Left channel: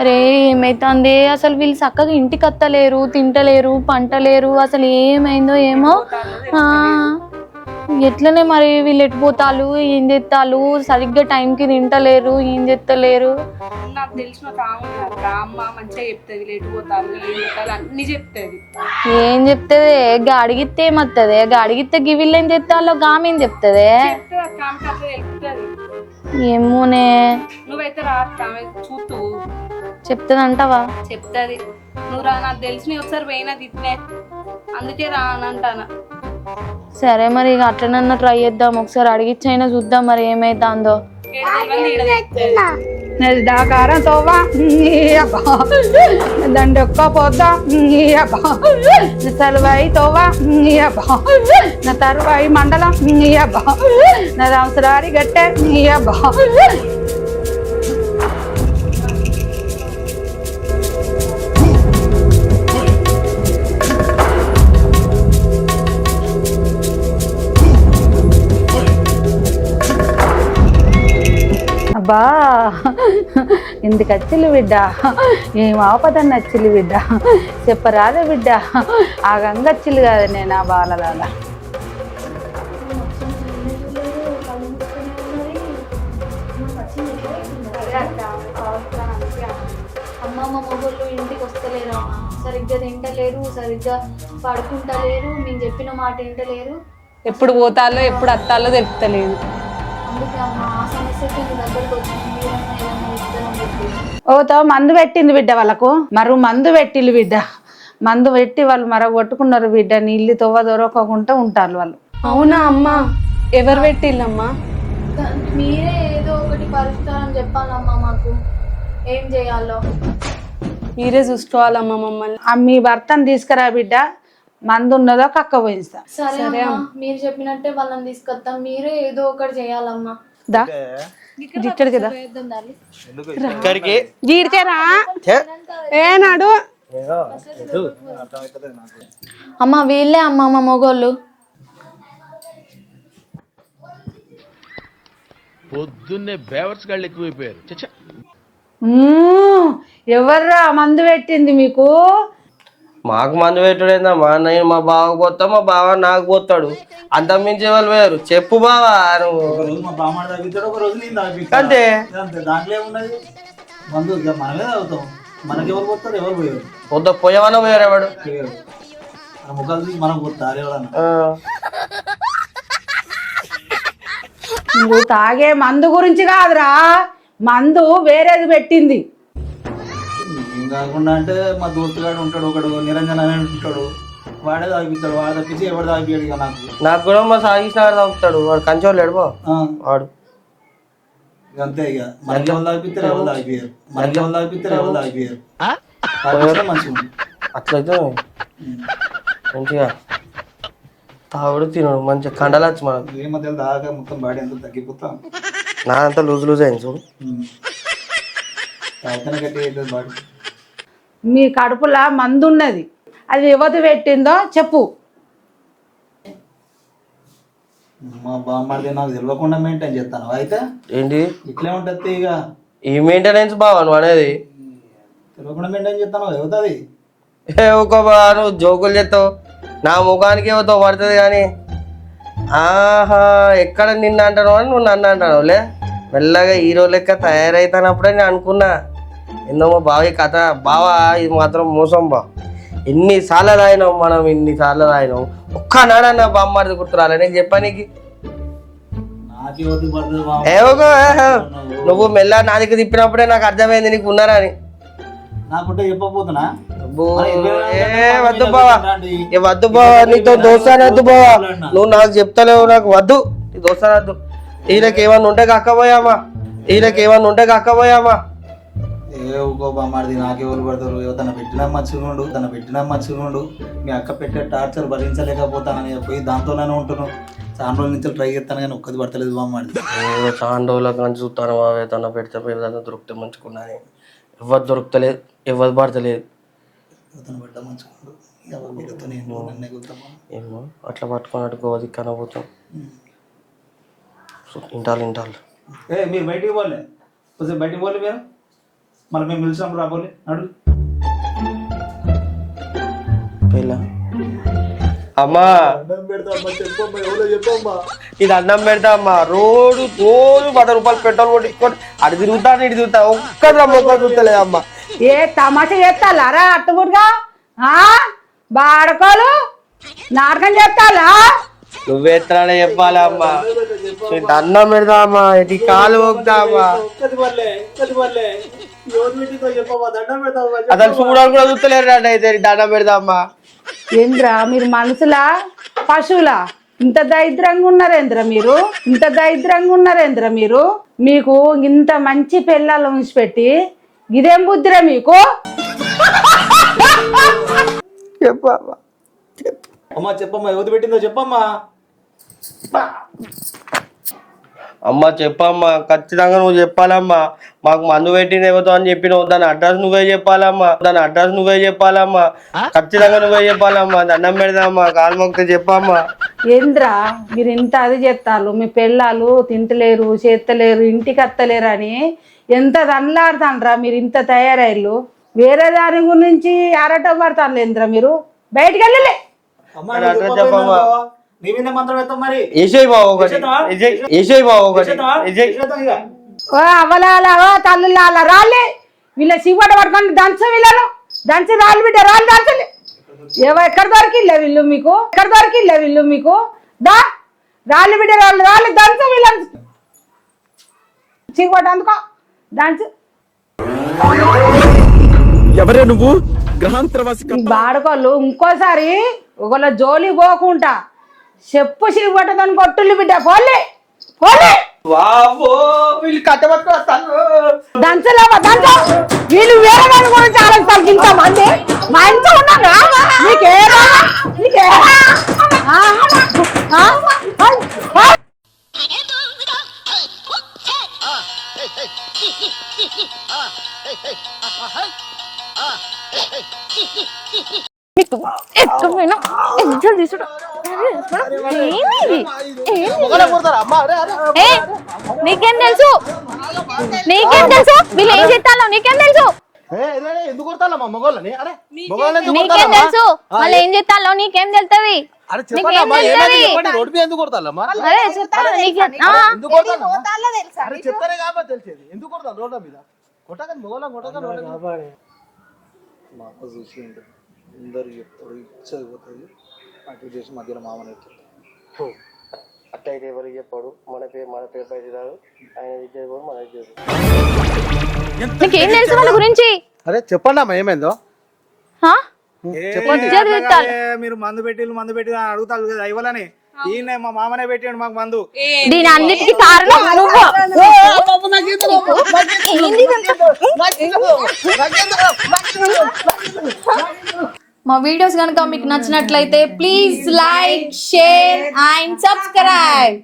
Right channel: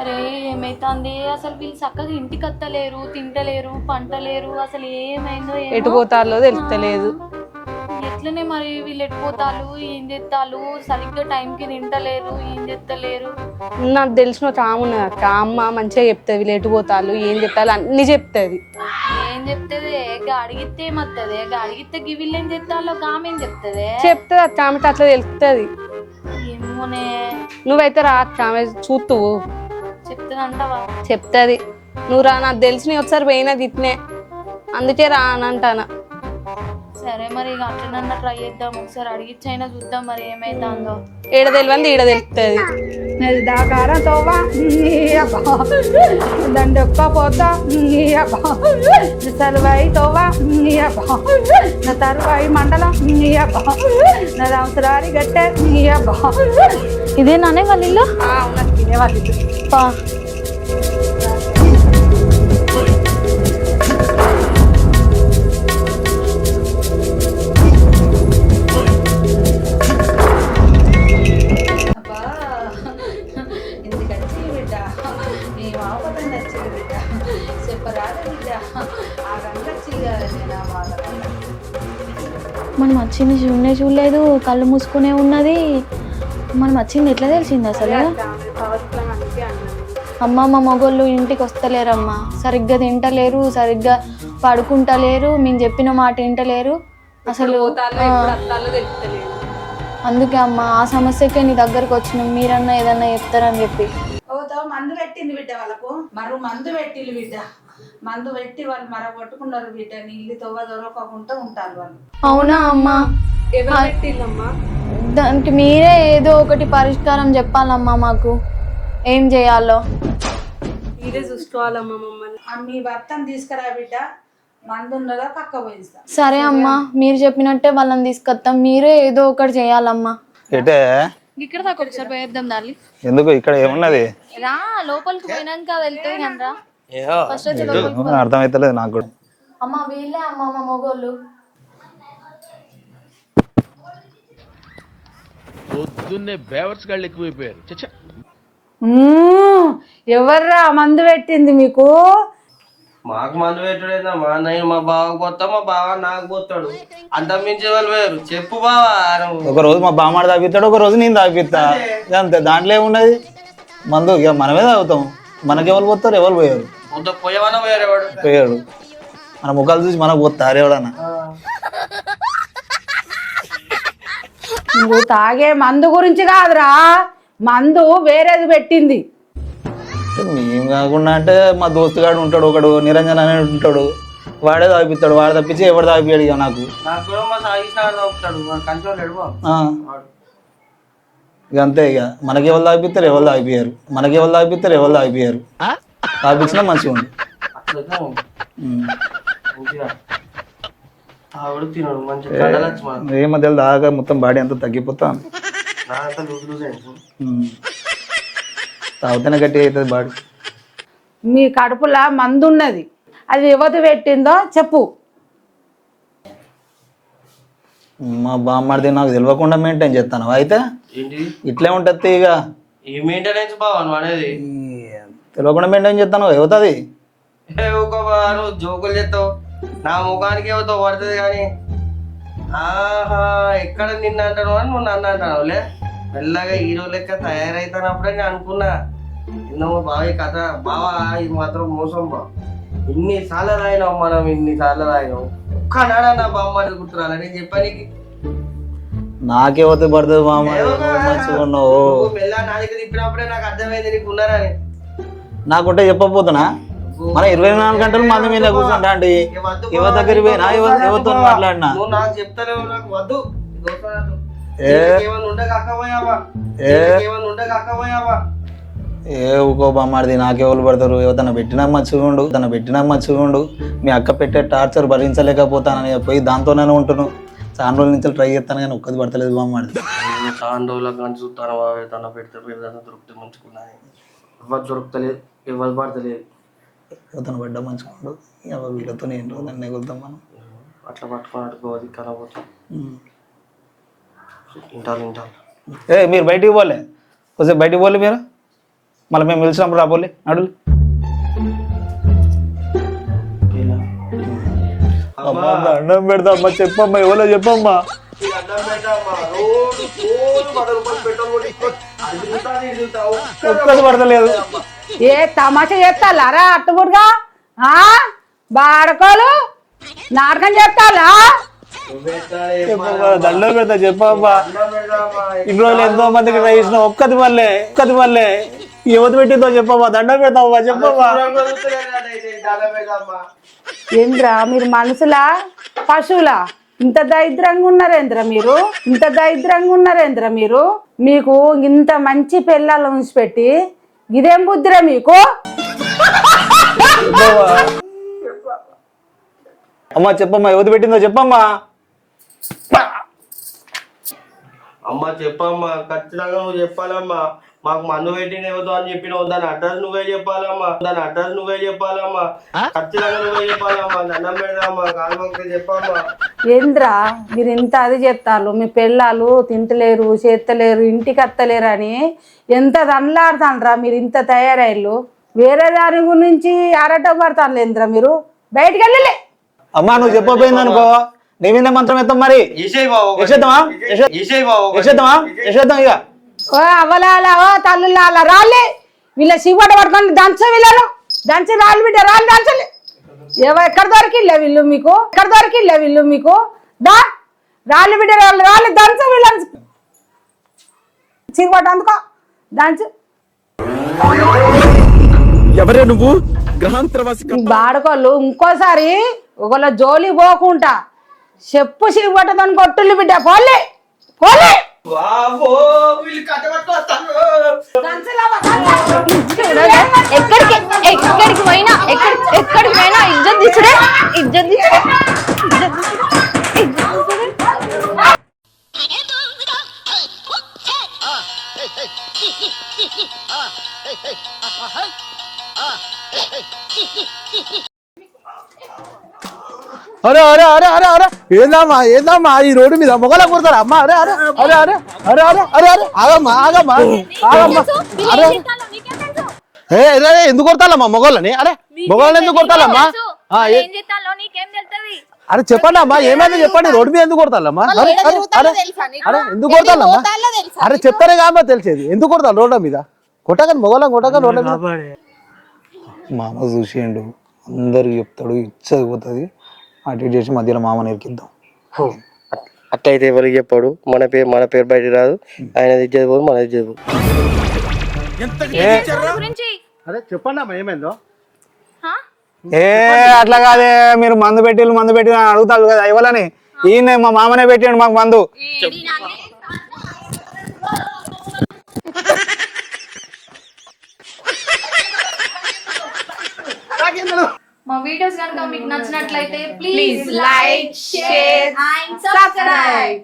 అరే ఏమైతుంది అసలు వీళ్ళు చక్కగా ఇంటికి వస్తలేరు, తింటలేరు, పంటలేరు, అసలు ఏమైందో ఏమో. ఎట్లనే మరి వీళ్ళు ఎట్టిపోతారు, ఏం చేస్తాలు, సరిగ్గా టైంకి తింటలేరు, ఏం చేస్తలేరు. నాకు తెలిసిన ఒక ఆమె ఉన్నది అక్క, అమ్మ మంచిగా చెప్తుంది వీళ్ళు ఎటుపోతారు ఏం చెప్తారు అన్ని చెప్తుంది. ఏం చెప్తుంది? అడిగితే ఏమత్తది? అడిగితే గివిళ్ళు ఏం చెప్తాలో గామేం చెప్తుంది అక్క, ఆమెకి అట్లా తెలుస్తుంది. ఏమోనే, నువ్వైతే రా అక్క, ఆమె చూస్తూ చెప్తుంది అంటావా? చెప్తుంది. నువ్వు రా, నాకు తెలిసిన ఒకసారి పోయినా గిట్నే, అందుకే రా అని అంటానా. సరే మరి ఇక అట్లనన్నా ట్రై చేద్దాం, ఒకసారి అడిగిచ్చైనా చూద్దాం మరి ఏమైతుందో. ఏడ తెలియదు ఈడ తెలుస్తుంది. నది దాకారం తోవా దండ ఒక్క పోద్దా తరువాయి తోవా నా తరువాయి మండలం నా సంవత్సరాడి గట్టె ఇదే నానే వాళ్ళ ఇల్లు. అబ్బా ఇందుకు వచ్చిల్లు బిడ్డ, ఏం ఆపదని నచ్చిల్లు బిడ్డ, చెప్పరాదే బిడ్డ, ఆ గంగచ్చిల్లు కాదు నేను ఆ బాలదాదా. మనం వచ్చింది చూడలేదు, కళ్ళు మూసుకునే ఉన్నది. మనం వచ్చింది ఎట్లా తెలిసింది అసలు? అమ్మ మా మొగోళ్ళు ఇంటికి వస్తలేరమ్మా, సరిగ్గా తింటలేరు, సరిగ్గా పడుకుంటలేరు, మేము చెప్పిన మాట వింటలేరు. ఎప్పుడు పోతాలో ఎప్పుడు అత్తాలో తెలుస్తలేదు. అందుకే అమ్మ ఆ సమస్యకే నీ దగ్గరకు వచ్చినాం, మీరన్నా ఏదన్నా చెప్తారని చెప్పి. ఓతో మందు పెట్టింది బిడ్డ వాళ్ళకు, మరో మందు పెట్టిల్లు బిడ్డ, మందు పెట్టి వాళ్ళు మరో కొట్టుకున్నారు బిడ్డ, నీళ్ళు తవ్వ దొరకకుండా ఉంటారు వాళ్ళు. అవునా అమ్మా? ఎవరు పెట్టిల్లమ్మా? దానికి మీరే ఏదో ఒకటి పరిష్కారం చెప్పాలమ్మా, మాకు ఏం చేయాలో మీరే చూసుకోవాలమ్మా మమ్మల్ని. మీ భర్తను తీసుకురా బిడ్డ, మందు ఉన్నదో కక్క పోయిస్తా. సరే అమ్మా, మీరు చెప్పినట్టే వాళ్ళని తీసుకొస్తాం, మీరే ఏదో ఒకటి చేయాలమ్మా. ఎందుకు ఇక్కడ అర్థమైతలేదు నాకు కూడా. అమ్మ వీళ్ళే అమ్మ మా మొగోళ్ళు. పొద్దున్నే బేవర్స్ గాళ్ళు ఎక్కువైపోయారు. ఎవర్రా మందు పెట్టింది మీకు? మాకు మందు పెట్టుడేందమ్మా, నేను మా బావకు పోతా, మా బావ నాకు పోతాడు, అంత మించి వాళ్ళు వేరు. చెప్పు బావా, ఒక రోజు మా బామ్మాడు తాగిస్తాడు, ఒక రోజు నేను తాగిస్తా, అంతే అంతే. దాంట్లో ఏమున్నది? మందు ఇక మనమే తాగుతాం, మనకెవరు పోతారు? ఎవరు పోయారు? పోయే వాళ్ళ పోయారు, ఎవడు పోయాడు. మన ముఖాలు చూసి మనకు పోతారు ఎవడన్నా. నువ్వు తాగే మందు గురించి కాదురా, మందు వేరేది పెట్టింది. మేము కాకుండా అంటే మా దోస్తుగాడు ఉంటాడు ఒకడు, నిరంజన్ అనే ఉంటాడు, వాడే తాగిపిస్తాడు. వాడు తప్పించి ఎవడు తాగిపోయాడు ఇక నాకు కూడా మా సాగిసిన వాడు తాగుతాడు, వాడు కంచోళ్ళు ఎడబో వాడు. ఇక అంతే, ఇక మనకి ఎవరు తాగిపిస్తారు, ఎవరు తాగిపోయారు, మనకి ఎవరు తాగిపిస్తారు, ఎవరు తాగిపోయారు. తాగిపించడం మంచిగా ఉంది. అట్లయితే మంచిగా తాగుడు తినడు, మంచిగా కండలచ్చు. మనం ఏ మధ్యలో దాకా మొత్తం బాడీ అంతా తగ్గిపోతాం, నా అంతా లూజ్ లూజ్ అయింది చూడు. తాగుతూనే గట్టిగా అవుతుంది బాడీ. మీ కడుపులా మందు ఉన్నది, అది యువత పెట్టిందో చెప్పు. మా బామ్మడిది నాకు తెలియకుండా మెయింటైన్ చేస్తాను అయితే ఏంటి ఇట్లే ఉంటుంది. ఇక ఈ మెయింటెనెన్స్ బావా నువ్వు అనేది? తెలియకుండా మెయింటైన్ చేస్తాను అవుతుంది. ఒక నువ్వు జోకులు చేస్తావు, నా ముఖానికి ఏమవుతావు పడుతుంది కానీ. ఆహా, ఎక్కడ నిన్ను అంటాను అని నువ్వు నన్ను అంటావులే. మెల్లగా హీరో లెక్క తయారైతానప్పుడే నేను అనుకున్నా, ఎన్నో బావి కథ బావా, ఇది మాత్రం మోసం బా. ఎన్నిసార్లు రాయినావు మనం, ఎన్నిసార్లు రాయినావు, ఒక్క నాడన్నా బామ్మడిది గుర్తురాలే నేను చెప్పానికి. నాకే వద్దు పడుతుంది. నువ్వు మెల్ల నా దగ్గర తిప్పినప్పుడే నాకు అర్థమైంది నీకు ఉన్నారా అని. నాకుంటే చెప్పబోతున్నా, 24 గంటలు వద్దు బావా, నీతో దోస్తానద్దు బావా, నువ్వు నాకు చెప్తలేవు, నాకు వద్దు నీ దోస్తానద్దు. ఈయనకేమన్నా ఉంటే కక్కపోయామా, ఈయనకేమన్నా ఉంటే కక్కపోయామా. ఏ ఊకో బామ్మాడిది, నాకెవరు పడతారు? తన పెట్టినా మర్చిపోండు, మీ అక్క పెట్టే టార్చర్ భరించలేకపోతానని పోయి దాంతోనే ఉంటున్నాను. చాలా రోజుల నుంచి ట్రై చేస్తాను కానీ ఒక్కది పడతలేదు బామ్మాడిది. చాలా రోజుల కానీ చూస్తాను మా వేతన పెడితే దొరికితే మంచుకున్నాను, ఎవరు దొరుకుతలేదు, ఎవరు పడతలేదు. తను పడ్డా మంచుకోండు, వీళ్ళతో నేను నన్ను ఎగులుతాం మనం. ఏమో అట్లా పట్టుకున్నట్టు గోది కనబోతాం. ఇంటాలు ఏ మీరు బయటికి పోలే, కొంచెం బయటికి పోలే మీరు. మళ్ళీ మేము పిలిచినప్పుడు రాబోలే అడుగు అమ్మా అన్నం పెడతా అమ్మా చెప్పమ్మా ఎవరో చెప్పమ్మా ఇది అన్నం పెడతా అమ్మా రోజు 10 రూపాయలు పెట్రోల్ కొట్టి ఇక్కడ అడి తిరుగుతాను ఇటు తిరుగుతా ఒక్క పడతలేదు అమ్మ. ఏ తమాషా చేస్తారా అట్టుముడుగా బాడకోలు నాటకం చేస్తాలా నువ్వే ఎత్తాడే చెప్పాలా అమ్మా. అన్నం పెడతా చెప్పమ్మా అన్నం పెడతా అమ్మా ఒక్కది వల్లే యువత పెట్టిందో చెప్పమ్మా దండం పెడతావమ్మా అసలు చెప్పమ్మా చూడడానికి కూడా చూస్తలేరు అయితే అన్నం పెడతా అమ్మా. ఏంద్రా మీరు మనుషులా పశువులా ఇంత దరిద్రంగా ఉన్నారేంద్ర మీరు మీకు ఇంత మంచి పిల్లలు ఉంచిపెట్టి ఇదేం బుద్ధిరా మీకు చెప్పమ్మా అమ్మా చెప్పమ్మా యువత పెట్టిందో చెప్పమ్మా అమ్మా చెప్పమ్మా ఖచ్చితంగా నువ్వు చెప్పాలమ్మా. మాకు మందు పెట్టిన ఇవ్వదు అని చెప్పినావు దాని అడ్రస్ నువ్వే చెప్పాలమ్మా ఖచ్చితంగా నువ్వే చెప్పాలమ్మా. దండం పెడదామా కాలు మొక్కితే చెప్పమ్మా. ఏంద్రా మీరు ఇంత అది చేస్తారు మీ పిల్లలు తింటలేరు చేత్తలేరు ఇంటికి అత్తలేరు అని ఎంత దండలాడుతాండ్రా మీరు ఇంత తయారయ్యారు. వేరే దాని గురించి ఆరాటం పడతాను లేదురా మీరు బయటికి వెళ్ళలే. అమ్మా నువ్వు చెప్పపోయింది అనుకో నీ మీద మంత్రం ఎత్తాం మరి ఏసేయ్ బావ ఒకటి. ఏసేద్దామా? ఏసేయ్ బావ ఒకటి. చేద్దాం ఇక ఓ అవ్వలాల ఓ తల్లులాల రాలే వీళ్ళ సిగోట పట్టుకొని దంచు వీళ్ళను దంచి రాళ్ళు బిడ్డ రాళ్ళు దంచలే ఎక్కడ దొరికిల్లే వీళ్ళు మీకు దా రాళ్ళు బిడ్డ రాళ్ళు దంచు వీళ్ళని సిగోట అందుకో దంచు ఎవరే నువ్వు గ్రహాంతరవాసి బాడుకోళ్ళు ఇంకోసారి ఒకళ్ళ జోలి పోకుండా చెప్పు సిగోటతో కొట్టుళ్ళు బిడ్డ పోలే బాబో వీళ్ళు కట్టబట్టు వస్తాను. దంచలేవా దంచ వీళ్ళు ఏందమ్మా ఈ రోడ్డు మీద మొగల కొడతారా అమ్మా ఎందుకు కొడతాలమ్మా మొగలని అరే మొగలని ఎందుకు కొడతాలమ్మా ఏం చేస్తాలో నీకేం తెలుస్తుంది? అరే చెప్పండి అమ్మా ఏమైనా చెప్పండి రోడ్డు మీద ఎందుకు కొడతాలమ్మా ఎందుకు కొడతాలమ్మా అరే చెప్తానే కామ్మా తెలిసేది ఎందుకు కొడతాను రోడ్ల మీద కొట్టగాని మొగలం రోడ్ల మీద మామ చూసిండు అందరికి చెప్తాడు ఇచ్చదిపోతుంది అటు చేసి మధ్యలో మామ నేర్కిద్దాం. అట్లయితే ఎవరికి చెప్పాడు మన పేరు బయట రాదు. ఆయన ఇచ్చేది మన ఇచ్చేది గురించి అరే చెప్పండి అమ్మా ఏమైందో అట్లా కాదే మీరు మందు పెట్టి అని అడుగుతాడు కదా ఇవ్వాలని ఈయన మా మామనే పెట్టాడు మాకు మందు. దీని అన్నిటికీ కారణం నువ్వు. మా వీడియోస్ కనుక మీకు నచ్చినట్లయితే please like share and subscribe.